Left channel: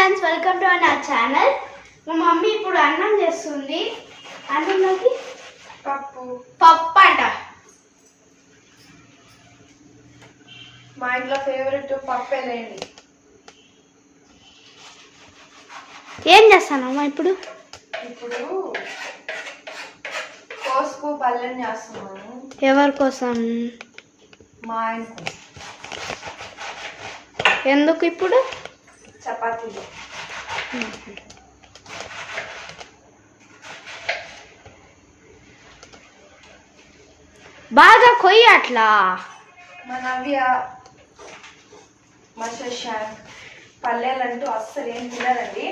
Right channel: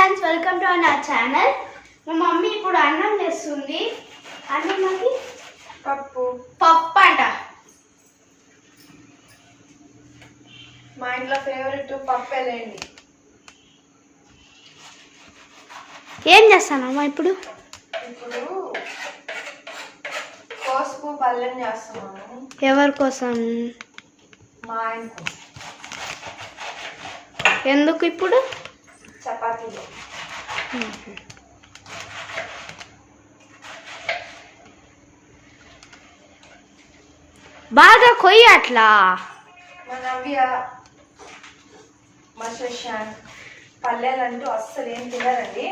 Friends, welcome to our channel. మా mummy ఇప్పుడు అన్నం చేస్తుంది. అన్నంలోకి పప్పు అంట. మా ఇంట్లో ఫేవరెట్ పప్పేలేండి. ఏం చేస్తానమ్మా ఇప్పుడు? కోసుకు పల్లెం చేస్తున్నాను. ఎవరి కోసం? మా ఆయనకు. ఎందుకు ఇప్పుడు? చపాతీలు. బాగా కొయ్యి అట్లా. మా నవ్య, మా శశాంక్ పల్లెలంటూ అస్సలు ఏం తినరండి.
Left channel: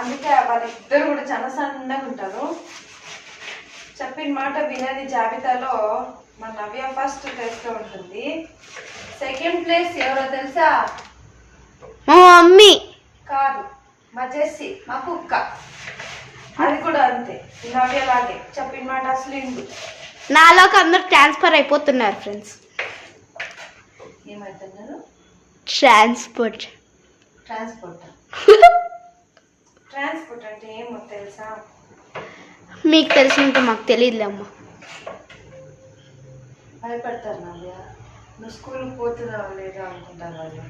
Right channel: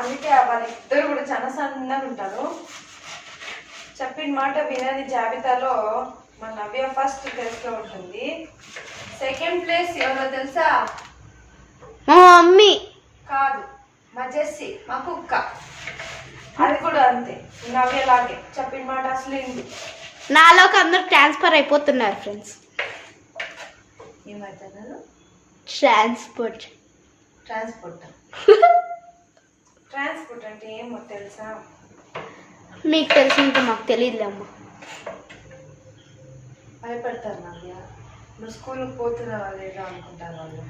అందుకే వాళ్ళిద్దరు కూడా చాలా సన్నగా ఉంటారు. చెప్పిన మాట వినని జాబితాలో మా నవ్య ఫస్ట్ ప్లేస్లో ఉంటుంది. సెకండ్ ప్లేస్ ఎవరో తెలుసా? మా మమ్మీ కాదు, మా జెస్సీ, మా కుక్క. అది కూడా అంతే, నవ్యలాగే చెప్పిన మాట అసలు ఇంది. నాలోకి అందరు ట్రాన్స్ఫర్ అయిపోతున్నారు ఫ్రెండ్స్. ఏమవుతున్నారు? ట్రాన్స్పోర్ట్ ట్రాన్స్పోర్ట్ అంటే ఏమో తెలుసా? మీకు తెలిసి ఇంకా మాకు తెలియదులే అమ్మ. భయపడతారు నవ్య. నువ్వు స్కూల్కి పోతున్నావా లేదా అనుకుంటారు వాళ్ళు.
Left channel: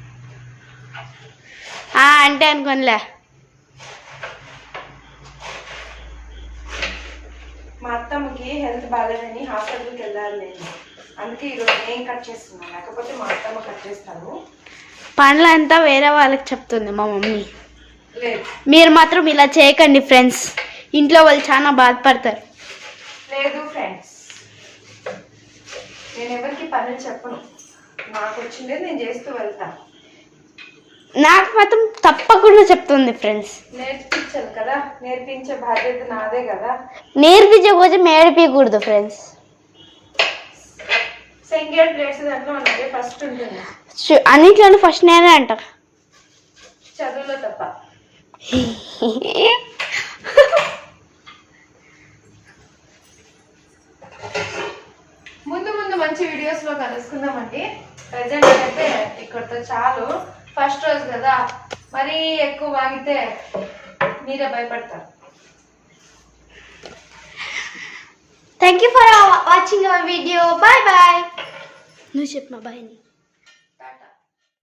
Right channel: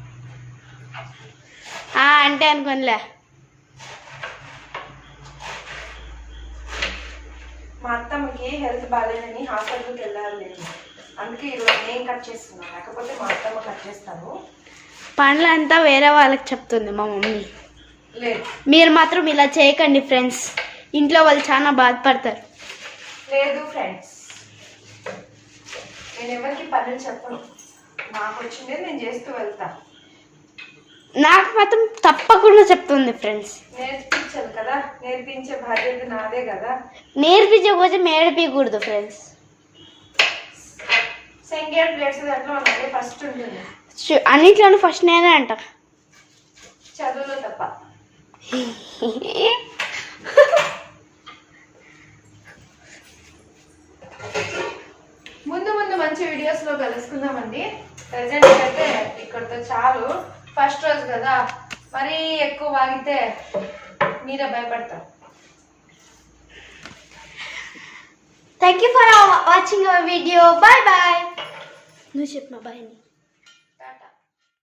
అంటే అనుకోనిలే. మా అత్తమ్మకి హెల్త్ బాగాలేదని హాస్పిటల్కి వెళ్ళాలి నేను. అందుకే ఈరోజు నేను కట్ చేస్తున్నాను, లేకపోతే మా అత్తమ్మ కట్ చేస్తాను. పనులంతా వేరే వాళ్ళకి చెప్తుంది మా మమ్మీ. లేదు, మీరు మాత్రం ఇలా చేయకండి ఫ్రెండ్స్, ఇంట్లో వాళ్ళు చాలా బాధపడతారు. లేదు ఫ్రెండ్స్, నేను ఎవరికి పనులు చెప్పను. నాకు వచ్చిందే నేను చేస్తూ వెళ్తాను. నాకు మాత్రం తప్పకుండా చెప్తుంది ఫ్రెండ్స్. నేర్పించాలి కదా, నేర్పించే బాధ్యత నాదే కదా. నేర్పించకపోతే మేడిపించకూడదు ఫ్రెండ్స్. సెకండ్ ప్లేస్ దాంట్లో నాదే ఫస్ట్ ఉంటుంది. అన్నిట్లోనూ ఫస్ట్ నేనే అంట, చదువులో తప్ప. ముందు ముందు మంచి వీడియోస్లో కలుసుకుందామండి. ప్రెజెంట్ అయితే ఇక్కడితో చాలు. ఫస్ట్ రోజు కదా, మరీ ఎక్కువ వాగితే మీరే భయపడతారు. Thank you for watching our video. Bye bye. నువ్వు చెప్పమా బాయ్.